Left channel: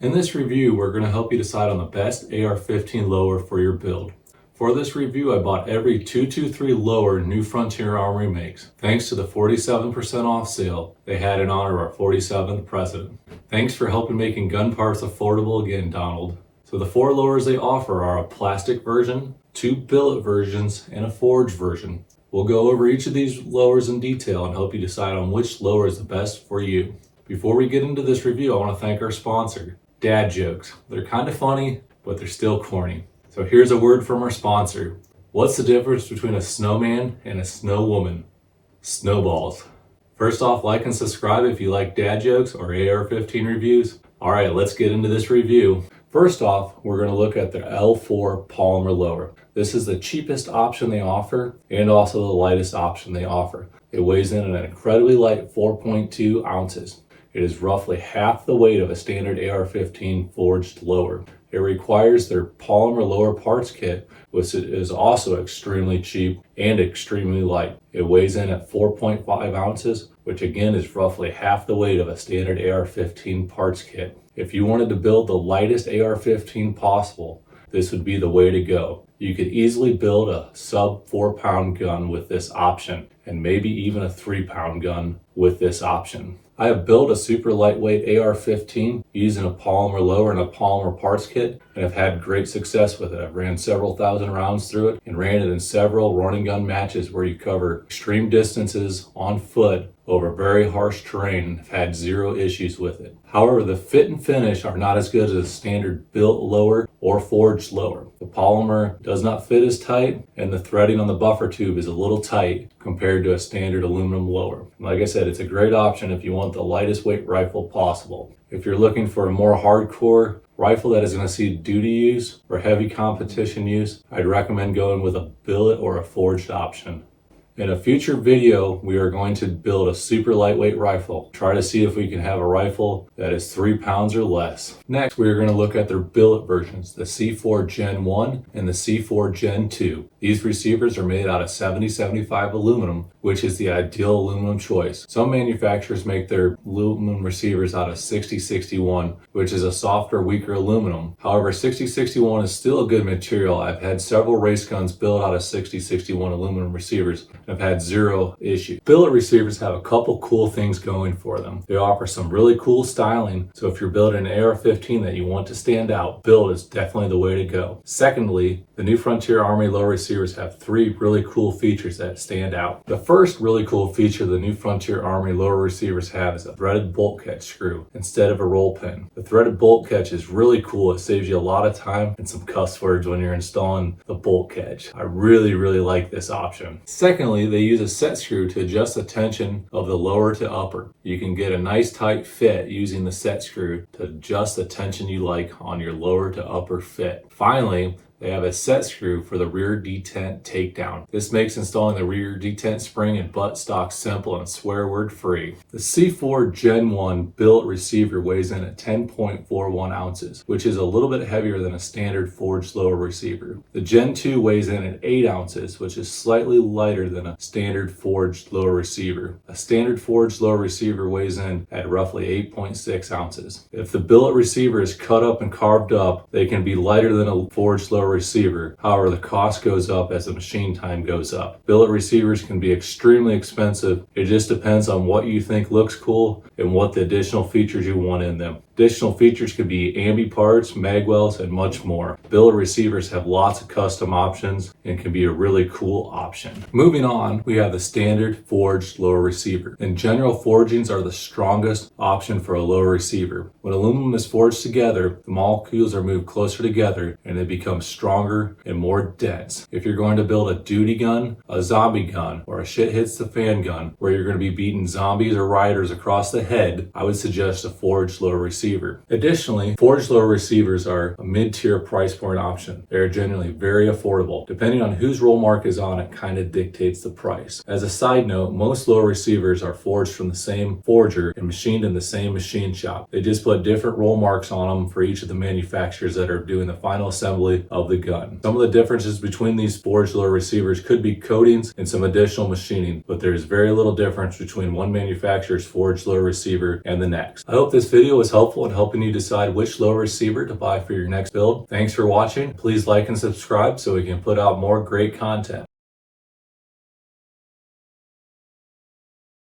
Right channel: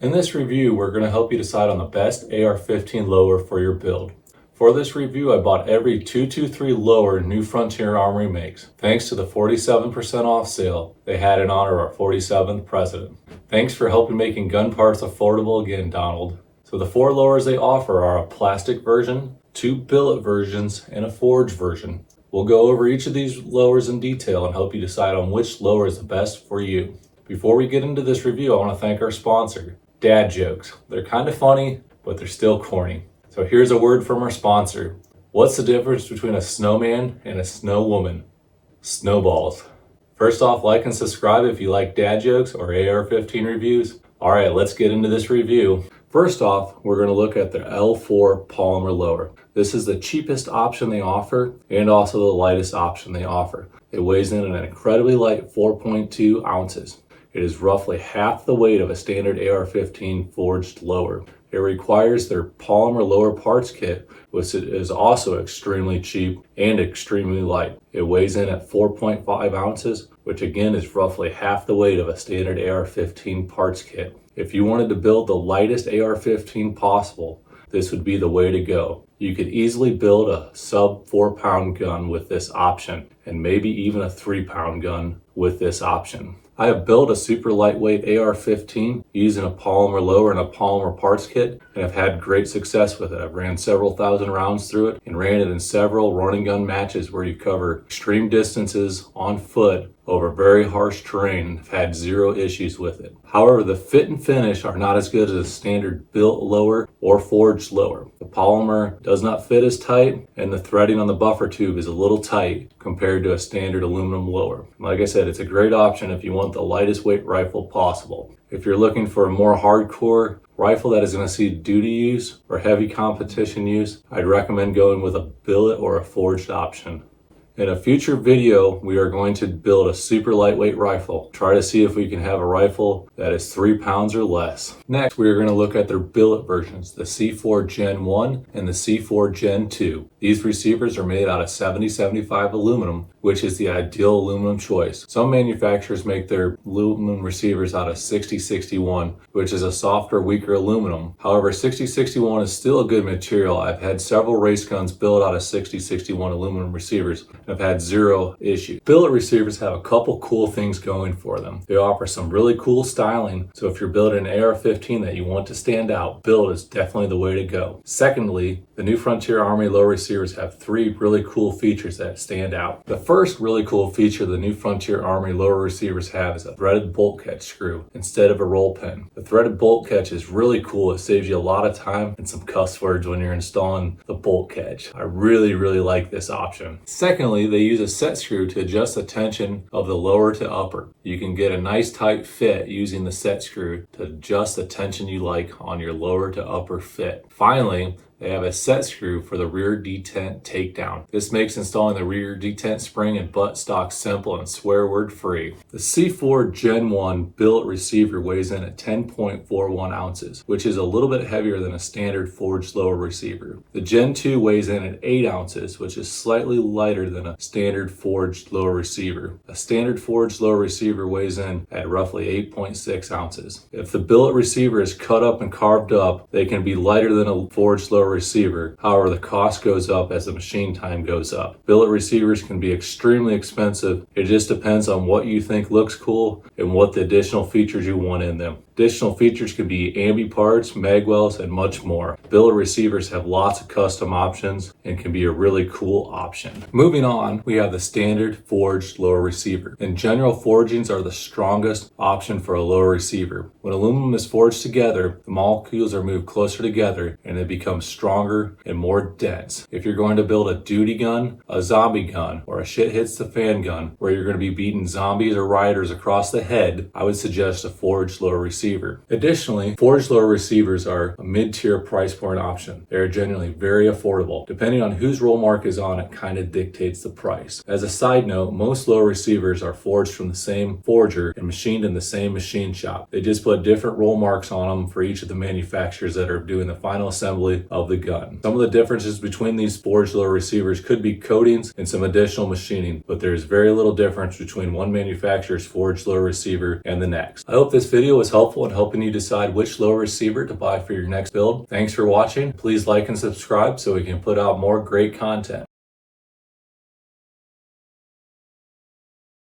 In this review, we're going to help you decide on the best AR-15 lower for your build. For this review, I bought every 223 lower new Frontier Armory makes. Thanks to the 47% off sale they had in honor of our 47th president. Thanks for helping making gun parts affordable again, Donald. So the 4 lowers they offer are a plastic version, 2 billet versions, and a forged version. We'll go over each of these lowers in detail and help you decide on which lower is the best for you. Before we get into this review, I want to thank our sponsor, Dad Jokes. They're kind of funny, but they're still corny. So here's a word from our sponsor. What's the difference between a snowman and a snow woman? Snowballs. First off, like and subscribe if you like dad jokes or AR-15 reviews. All right, let's get into this review. First off, we're going to look at the L4 polymer lower. This is the cheapest option they offer and also the lightest option they offer. It weighs in at an incredibly light 4.2 ounces. It is roughly half the weight of a standard AR-15 forged lower. It requires their polymer lower parts kit, which is also extremely cheap and extremely light. It weighs in at 4.5 ounces, which again is roughly half the weight of a standard AR-15 parts kit. If you wanted to build the lightest AR-15 possible, this would be the way to go. You could easily build a sub 4-pound gun with this option, and maybe even a 3-pound gun with this option. I have built a super lightweight AR-15 using a polymer lower and a polymer parts kit, and I've had great success with it. I've ran several thousand rounds through it and ran it in several running gun matches where you cover extreme distances on foot over very harsh terrain. I've had 0 issues with it. However, the fit and finish are not as good as a standard built lower or forged lower. The polymer does not fit as tight, and the threading on the buffer tube is a little tight compared to a standard aluminum lower. Like I said, it's a great option if you want the lightest weight rifle possible. If you're looking for a more hardcore rifle that is going to see duty use or heavy competition use, I'd recommend going with a billet or a forged option. In a future video, we are going to build a super lightweight rifle. Try to see if we can have a rifle that is 3 pounds or less. Next, we are going to look at their billet versions, the C4 Gen 1 and the C4 Gen 2. These receivers are made out of 70-75 aluminum, which is the ideal aluminum choice. Some manufacturers make their aluminum receivers out of 60-61, which is a softer, weaker aluminum. However, 60-61 is still a good material. I've had several race guns built out of 60-61 aluminum receivers. I've had 0 issues. Billet receivers have a couple cool things going for them. They offer some really cool styling, so if you're building an AR-15 that you want to stand out, billet is definitely the way to go. Secondly, the new Frontier Armory lower receivers have 3 really cool features that stand out. The first really cool feature the new Frontier Armory lower receivers have is a threaded bolt catch screw instead of a roll pin. The threaded bolt catch is really cool. It saves you a lot of time and some cuss words when you're installing the bolt catch. I really like this option. Secondly, they use a set screw to adjust the tension of the lower to upper. You can get a nice tight fit using the set screw to adjust the tension you like on your lower to upper fit. Finally, they have a set screw for the rear detent takedown. This makes installing the rear detent spring and butt stock simple and swear word free. The C4 Gen 1 billet receiver weighs in at 10.41 ounces, which is a little bit heavier than a standard forged lower receiver. The Gen 2 weighs in at 8 ounces, which is slightly lighter than a standard forged lower receiver. A standard forged lower receiver weighs in at roughly 8.6 ounces. If the billet receiver is cut up and carved up, they can be lighter than a forged lower receiver. However, the cost goes up as the machine time goes up. Billet receivers can be extremely expensive. It just depends on what you think looks cool and what the additional features you want in them. Additional features can be ambi parts, magwells, and much more. Billet receivers have lots of custom options and can be a really cool option. Moving on, we have the standard forged lower receiver. In general, forgings are the strongest option for a lower receiver. When aluminum is forged together, the molecules are moved closer together and they become stronger and more dense. If you're going to build a duty gun, a zombie gun, or a shit hits the fan gun where you're going to be beating zombies or riders across the head, I would suggest a forged lower receiver. Additionally, forged lower receivers are a mid-tier price point option. They are generally very affordable. Depending on whose roll mark is on it kind of dictates the price. As a side note, most lower receivers are forged from the same forger and machined in the same machine shop. They just put different roll marks on them for each of the manufacturers that are doing the final assembly of the gun. Some of the differences between these forged lower receivers could be coatings and some additional machining, but there's very little difference between one manufacturer's forged lower receiver and the next. I hope this video was helpful helpful in helping you decide which lower receiver to buy for your next build. Thanks for watching. Please like and subscribe so we can put out more great content.